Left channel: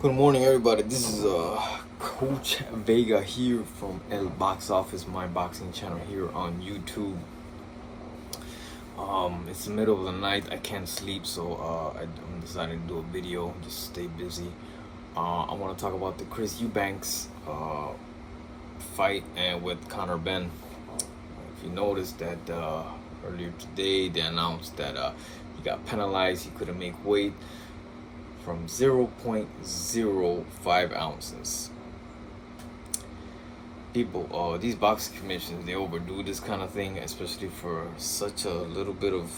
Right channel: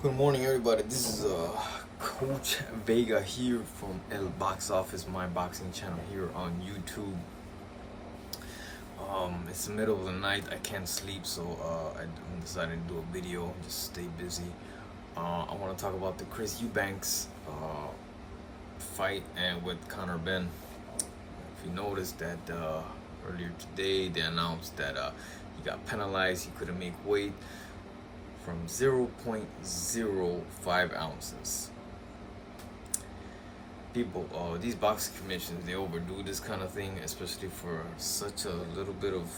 Good morning, everybody. This is Coach Vega here from El Box Office, my boxing channel here on YouTube. It's the middle of the night. I can't sleep, so I'm deciding to do a video. Just stay busy. I want to talk about the Chris Eubanks fight and with Conor Benn. If you noticed that earlier today, they announced that he got penalized. He couldn't make weight from 0.05 ounces. People, these boxing commissions, they overdo this kind of thing, especially for such a little bit of.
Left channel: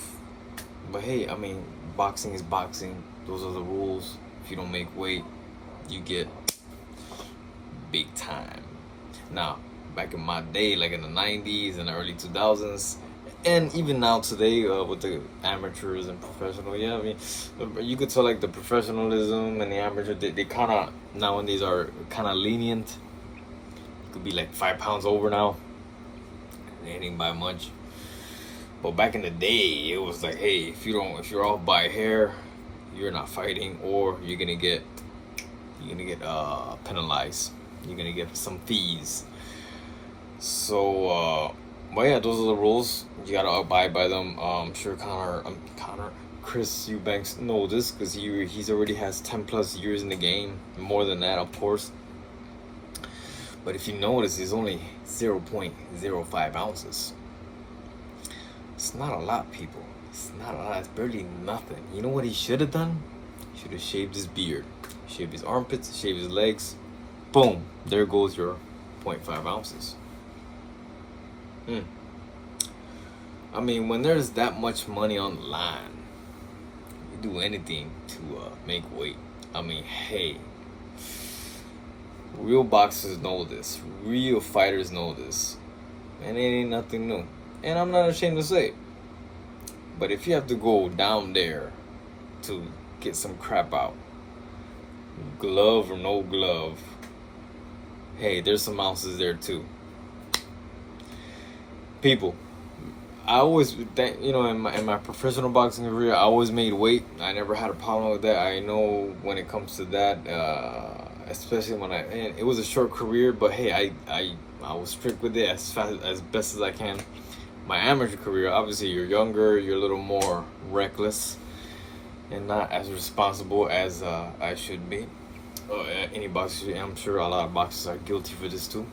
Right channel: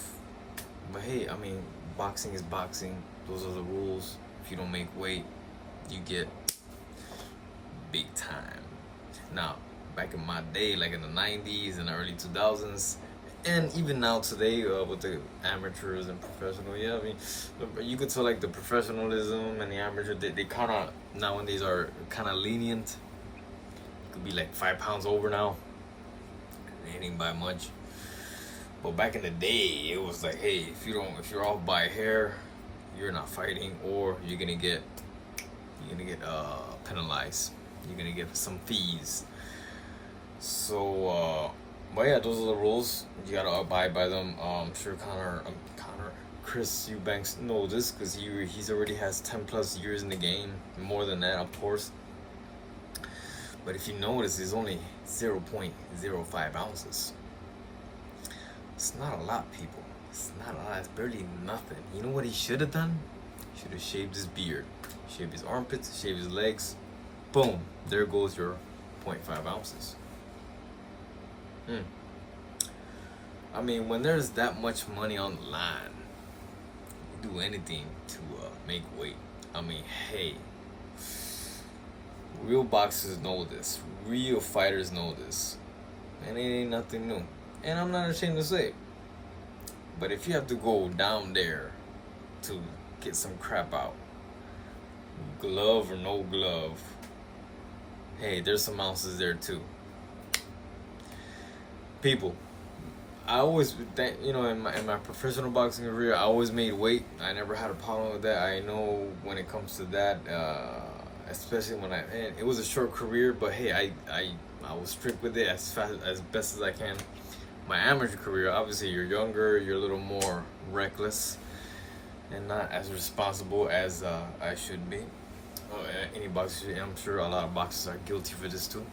But hey, I mean, boxing is boxing. Those are the rules. If you don't make weight, you get big time. Now, back in my day, like in the 90s and the early 2000s, and even now today with the amateurs and professional, yeah, I mean, you could tell like the professionalism and the amateur, they kind of nowadays are kind of lenient. It could be like 5 pounds over now. They ain't by much. But back in the day, it was like, hey, if you're off by a hair, you're not fighting, or you're gonna get penalized. You're gonna get some fees. So, but yeah, those are the rules. You gotta abide by them. I'm sure Chris Eubanks knows this because he's already has 10 plus years in the game, more than that, of course. But if you notice, it's only 0.05 ounces. It's not a lot, people. It's not a lot. It's barely nothing. You know what he should have done? Should have shaved his beard, shaved his armpits, shaved his legs. Boom! There goes your 0.5 ounces. I mean, when there's that much money on the line, you do anything to make weight. I mean, hey, real boxers know this. Real fighters know this. And it ain't nothing new. And I'm not ashamed to say it. But if you have to go down there to get some crap out, glove or no glove, hey, there's some ounces there too. People, I always, in my professional boxing career, I always made weight. I never had a problem with that. I know when it comes to that, especially and it was a short career, but hey, I was strict with it as best as I can. My amateur career, obviously, you're younger, you're a little more reckless, and not as responsible as I should be. Any boxer, I'm sure a lot of boxers are guilty for this too.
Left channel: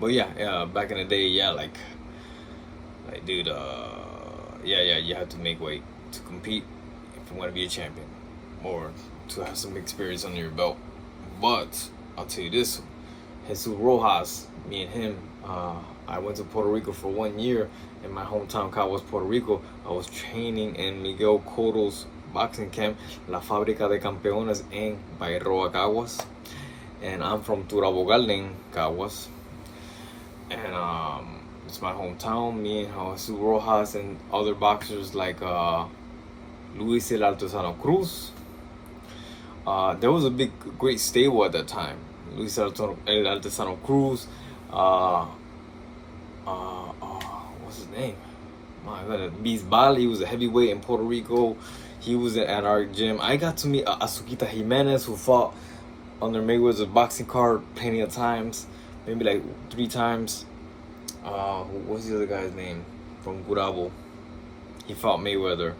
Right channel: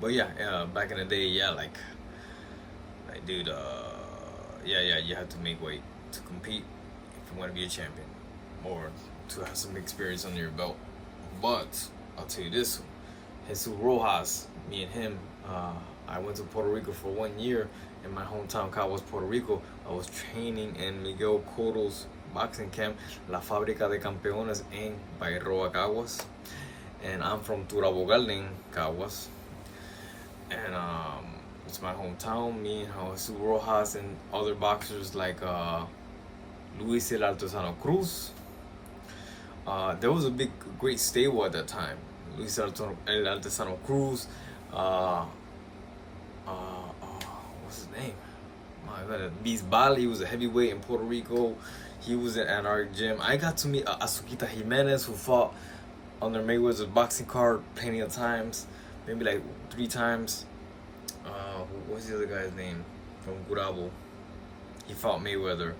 But yeah, back in the day, yeah, like dude, yeah, you have to make weight to compete if you want to be a champion or to have some experience under your belt. But I'll tell you this, Jesus Rojas, me and him, I went to Puerto Rico for 1 year in my hometown, Caguas, Puerto Rico. I was training in Miguel Cotto's boxing camp, La Fábrica de Campeones en Bairoa, Caguas. And I'm from Turabo Garden, Caguas. And it's my hometown. Me and Jesus Rojas and other boxers like Luis El Artesano Cruz. There was a great stable at that time. Luis El Artesano Cruz. What's his name? My God, Bisbal. He was a heavyweight in Puerto Rico. He was at our gym. I got to meet Azuquita Jimenez, who fought under Mayweather's boxing card plenty of times. Maybe like 3 times. What's the other guy's name? From Gurabo. He fought Mayweather.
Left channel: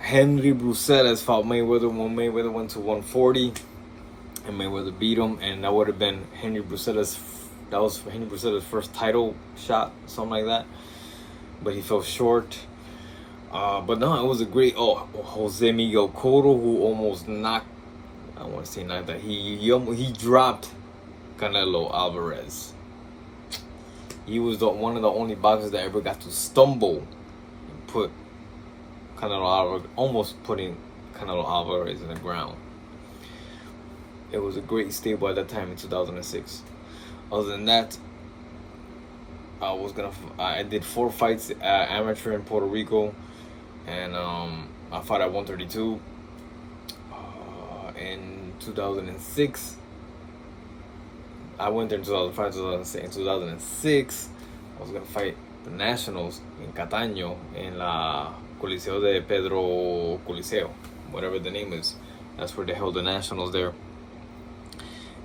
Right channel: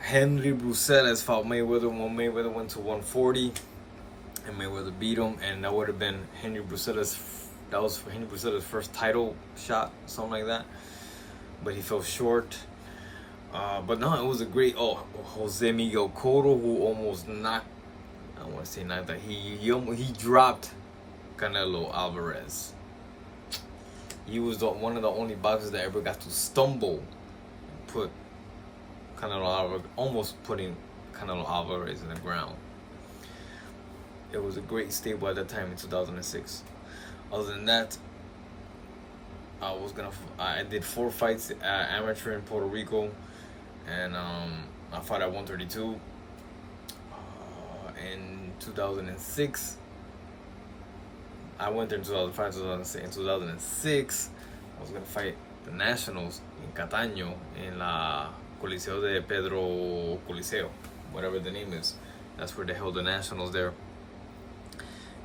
Henry Bruselas fought Mayweather when Mayweather went to 140. And Mayweather beat him. And that would have been Henry Bruselas. That was Henry Bruselas' first title shot. Something like that. But he fell short. But no, it was a great... Jose Miguel Cotto, who almost knocked... I want to say not that. He dropped Canelo Alvarez. He was one of the only boxers that ever got to stumble and put Canelo Alvarez, almost putting Canelo Alvarez in the ground. It was a great stable at that time in 2006. Other than that, I did 4 fights amateur in Puerto Rico, and I fought at 132 in 2006. I went there in 2005, 2006. In 2006, I was going to fight the Nationals in Cataño, in la Coliseo de Pedro Coliseo. whatever the name is. That's where they held the nationals there.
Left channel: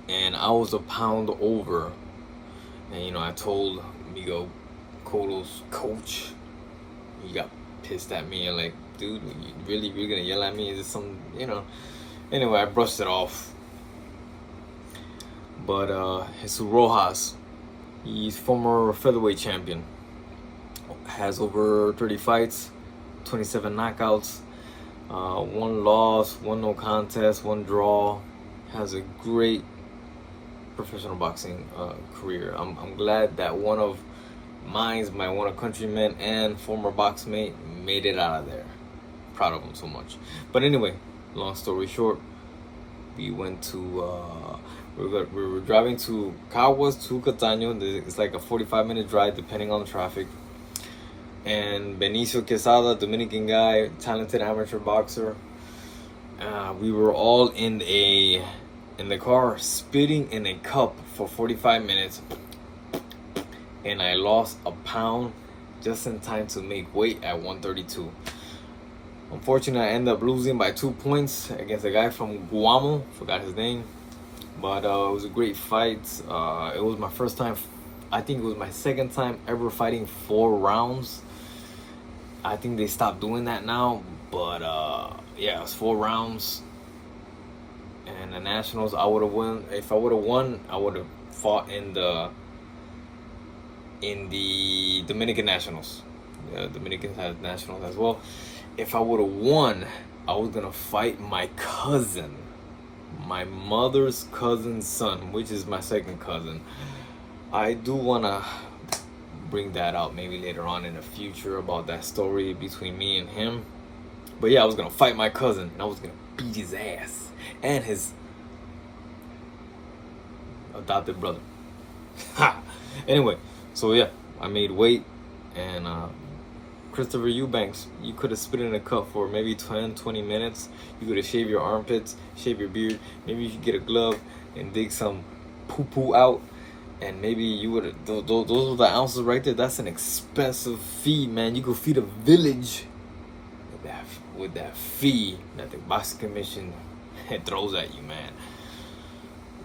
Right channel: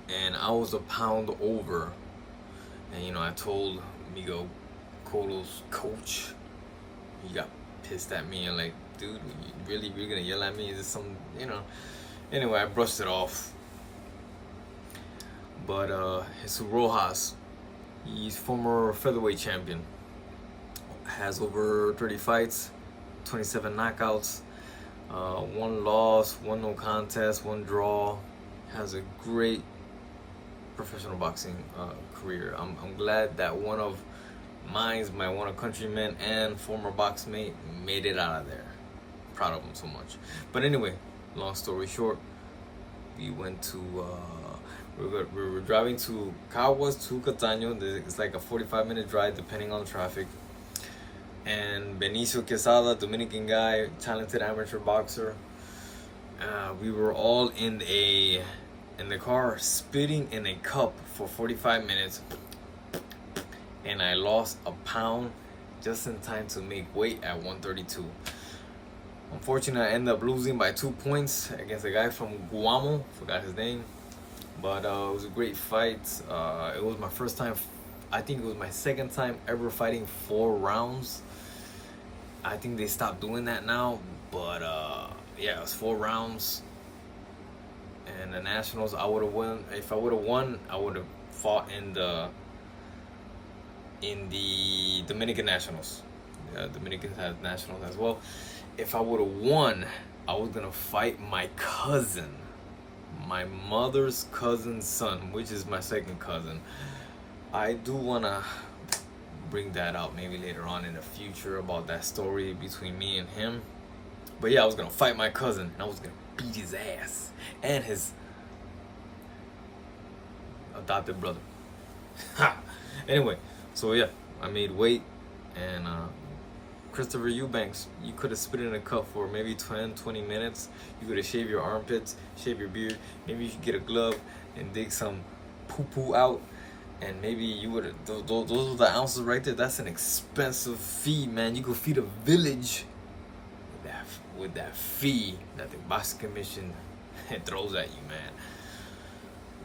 And I was a pound over. And you know, I told Miguel Cotto's coach, he got pissed at me and like, dude, you really gonna yell at me? Is this some, you know? Anyway, I brushed it off. But Jesus Rojas, he's former featherweight champion. Has over 30 fights, 27 knockouts, 1 loss, 1 no contest, 1 draw. Has a great professional boxing career. I'm glad that one of my countrymen and former box mate made it out of there. Proud of him so much. But anyway, long story short, we went to we were driving to Caguas to Cataño. It's like a 45-minute drive depending on the traffic. And Benicio Quesada, Dominican guy, talented amateur boxer. We were all in the car spitting in a cup for 45 minutes. And I lost a pound just in time to make weight at 132. Unfortunately, I ended up losing by 2 points against a guy from Guamo. Forgot his name. But it was a great fight. It was my first time. I think it was my second time ever fighting 4 rounds. I think they stopped doing that now. But yeah, it was 4 rounds. And the nationals, I would have won. If I would have won, I would have fought in the Dominican nationals. Yeah, Dominican has nationals as well. If I would have won, I was gonna fight my cousin, my mother's cousin's son, which is my second cousin. I do wanna bring that out maybe later on in the future about that story between me and him. But yeah, I was gonna fight my cousin and I was gonna beat his ass and his adopted brother. Ha! Anyway, so yeah, I made weight. And Christopher Eubanks, you could have spit in a cup for maybe 10-20 minutes. You could have shaved your armpits, shave your beard. Maybe you could get a glove and dig some poo-poo out. And maybe you would have, those are the ounces right there. That's an expensive fee, man. You could feed a village with that fee that the boxing commission throws at you, man.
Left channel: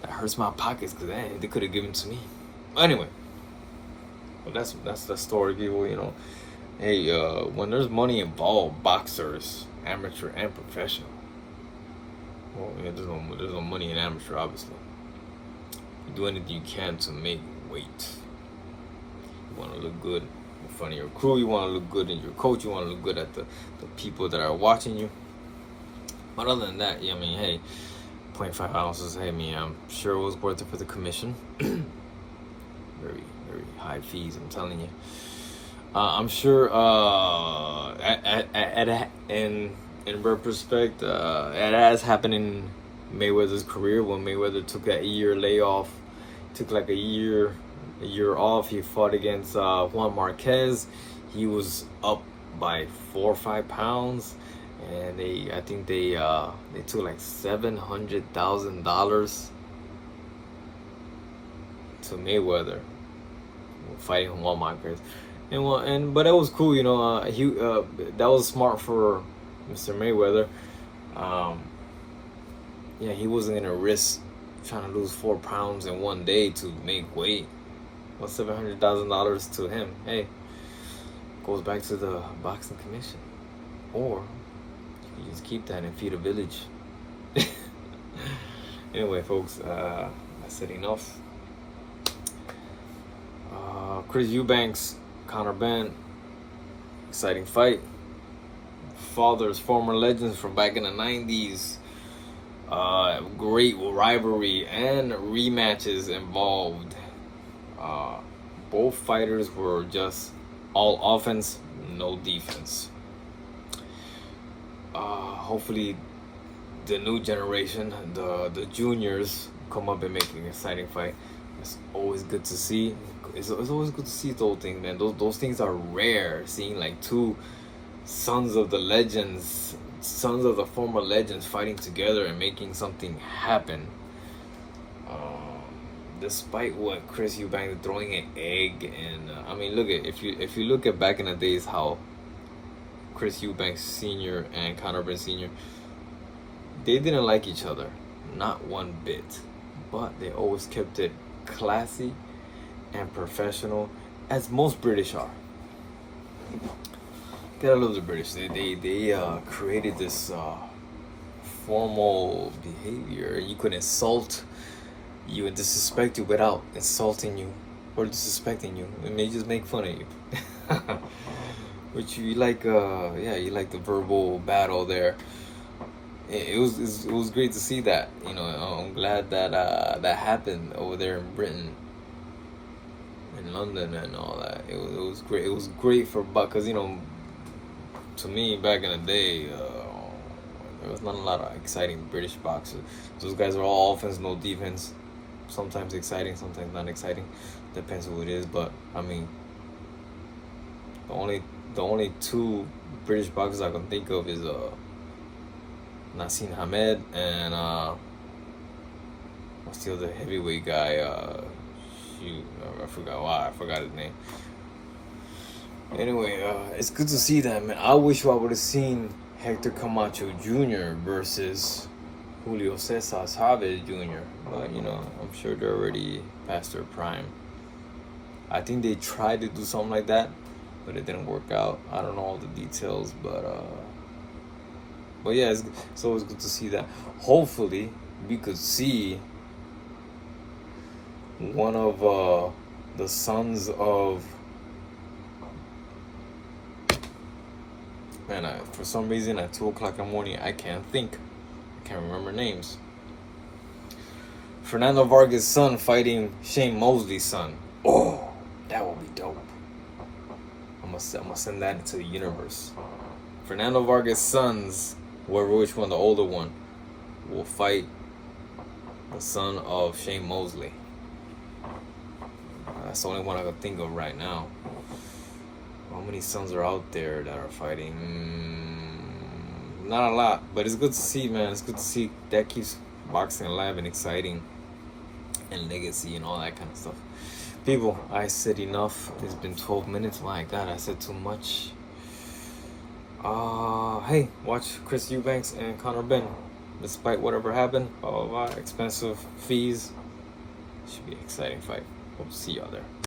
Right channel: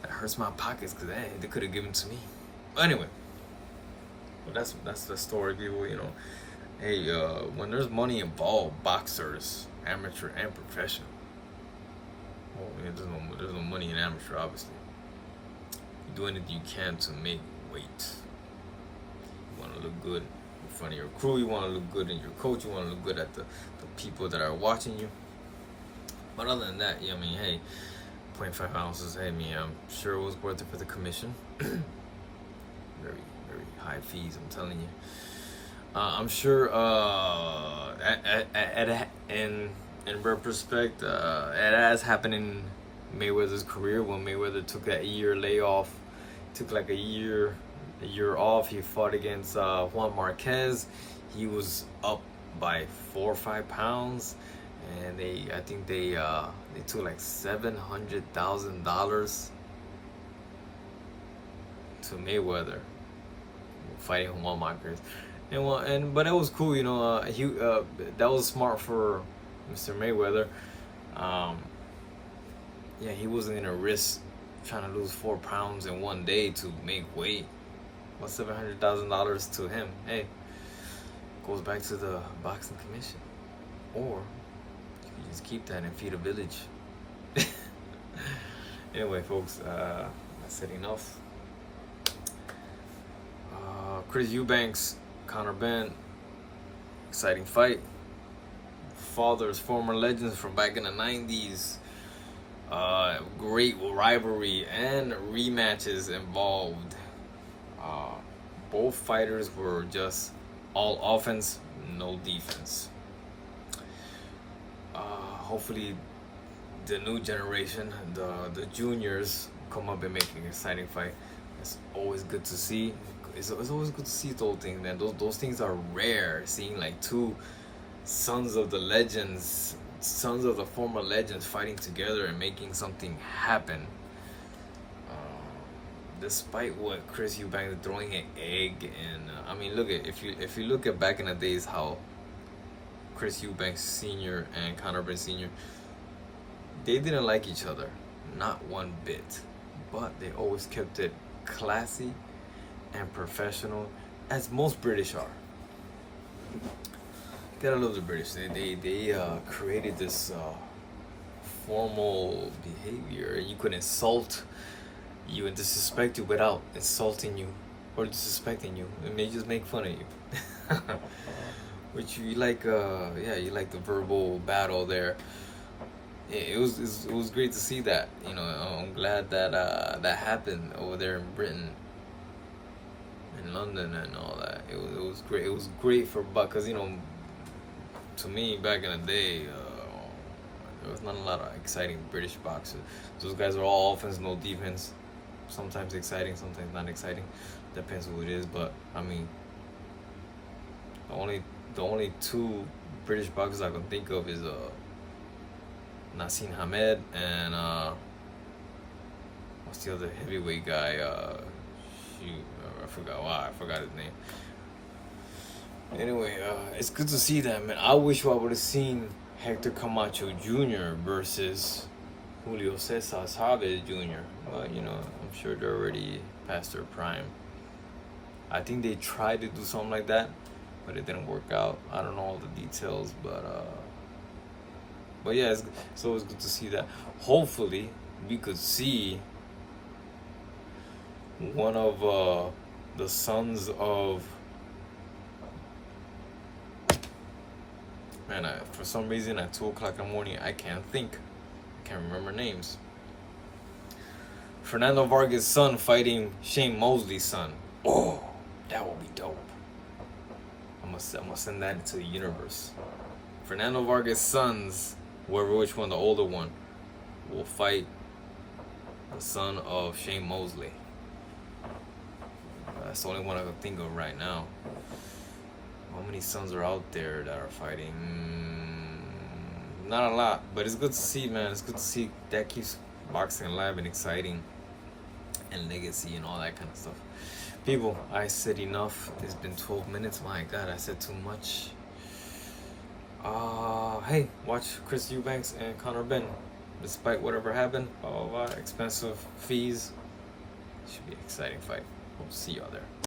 That hurts my pockets because they could have given to me. But anyway, well, that's the story, people. You know, hey, when there's money involved, boxers, amateur and professional. Well, yeah, there's no money in amateur, obviously. You do anything you can to make weight. You want to look good in front of your crew. You want to look good in your coach. You want to look good at the people that are watching you. But other than that, yeah, I mean, hey, 0.5 ounces. Hey, man, I'm sure it was worth it for the commission. Very, very high fees, I'm telling you. I'm sure in retrospect, it has happened in Mayweather's career when Mayweather took that year layoff, took like a year off. He fought against Juan Marquez. He was up by 4 or 5 pounds, and I think they took like $700,000 to Mayweather fighting Juan Marquez. But that was cool, you know. That was smart for Mr. Mayweather. Yeah, he wasn't gonna risk trying to lose 4 pounds in one day to make weight. What's $700,000 to him? Hey, goes back to the boxing commission, or you just keep that and feed a village. Anyway, folks, I said enough. Chris Eubanks, Conor Benn, exciting fight. Fathers, former legends from back in the 90s. Great rivalry and rematches involved. Both fighters were just all offense, no defense. Hopefully the new generation, the juniors, come up and make an exciting fight. It's always good to see. It's always good to see those things, man. Those things are rare. Seeing like 2 sons of the legends, sons of the former legends fighting together and making something happen. Despite what Chris Eubanks throwing an egg, and I mean, look at if you look at back in the days how Chris Eubanks Sr. and Conor Benn Sr. they didn't like each other, not one bit, but they always kept it classy and professional, as most British are. Gotta love the British. They created this formal behavior. You could insult you and disrespect you without insulting you or disrespecting you. It may just make fun of you. Which you like, you like the verbal battle there. It was great to see that. You know, I'm glad that that happened over there in Britain, in London, and all that. It was great. It was great for, because you know, to me back in the day, there was not a lot of exciting British boxers. Those guys are all offense, no defense. Sometimes exciting, sometimes not exciting. Depends who it is. But I mean, the only two British boxers I can think of is Naseem Hamed and what's the other heavyweight guy? I forgot his name. Anyway, it's good to see that, man. I wish I would have seen Hector Camacho Jr. versus Julio Cesar Chavez Jr. But you know, I'm sure they're already past their prime. I think they tried to do something like that, but it didn't work out. I don't know all the details, but yeah, it's always good to see that. Hopefully, we could see one of the sons of, man, for some reason at 2 o'clock in the morning, I can't remember names. Fernando Vargas' son fighting Shane Mosley's son. Oh, that would be dope. I'm gonna send that into the universe. Fernando Vargas' sons, which one, the older one, will fight the son of Shane Mosley. That's the only one I can think of right now. How many sons are out there that are fighting? Not a lot, but it's good to see, man. It's good to see. That keeps boxing alive and exciting, and legacy and all that kind of stuff. People, I said enough. It's been 12 minutes. My God, I said too much. Hey, watch Chris Eubanks and Conor Benn. Despite whatever happened, expensive fees. Should be an exciting fight. Hope to see y'all there.